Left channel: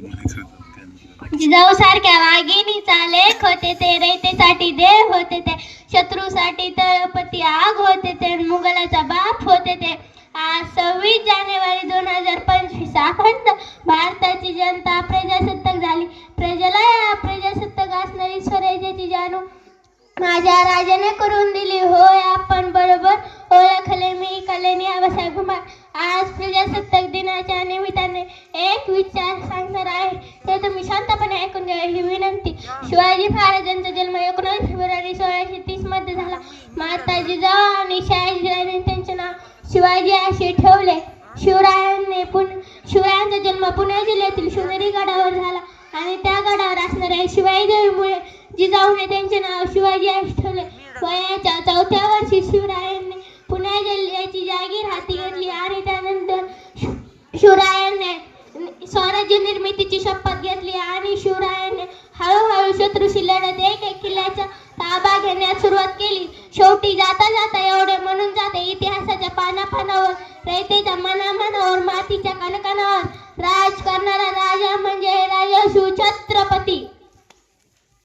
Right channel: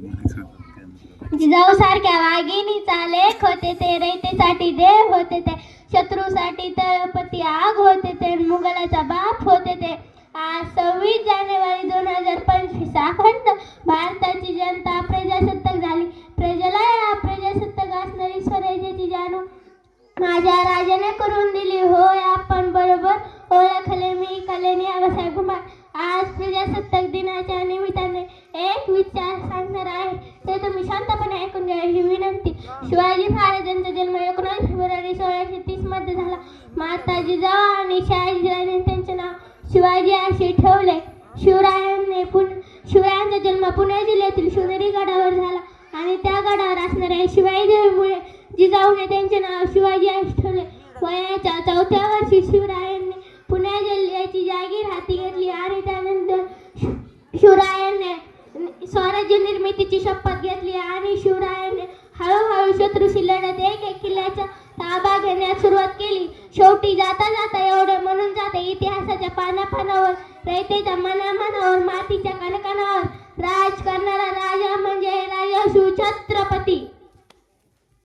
जिजाऊ सारख्या वाघिणीचा लेख होते ते, रयतेसाठी देव होते ते, शत्रूसाठी तळपती आग होते ते, मुघलाचा बाप होते ते. आज 26 जानेवारी 2025 अखंड भारताची जनता प्रजासत्ताक झाली. प्रजेला प्रजासत्ताक असणारी स्वराज्याची जाणू माझ्या राजाने करून दिली. होय आपण बरोबर ओळखले मी कलेने आबासाहेब कुंभार. आज प्रजासत्ताक दिनाच्या निमित्ताने एक विचार सांगणार आहे, ते तुम्ही शांतपणे ऐकून घ्या ही विनंती. शिवाजी महाराजांचा जन्म 19 फेब्रुवारी 1630 मध्ये झाला. माता जिजाऊ आणि शहाजीराजांनी त्यांचे नाव शिवाजी असे ठेवले. शिवरायांचा जन्म पुणे जिल्ह्यातील शिवनेरी गडावर झाला आणि त्या गडावर असणाऱ्या शिवाई देवीमुळे जिजाऊने त्यांचे नाव शिवाजी असे ठेवले. वयाच्या 4थ्या वर्षी शिवरायांनी पुणे जिल्ह्याची जागीर हाती घेतली आणि त्यानंतर शिवरायांनी स्वराज्य निर्मितीची शपथ घेतली आणि शिवरायांनी हळूहळू शत्रूशी लढत एक किल्ल्याचा ताबा घेण्यास सुरुवात केली. शेवटी जाता जाता एवढे म्हणून जाते, इतिहासाच्या पानापानावर, रयतेच्या मनामनावर, मातीच्या कणकणावर राज करणारा राजा म्हणजे राजा शिवछत्रपती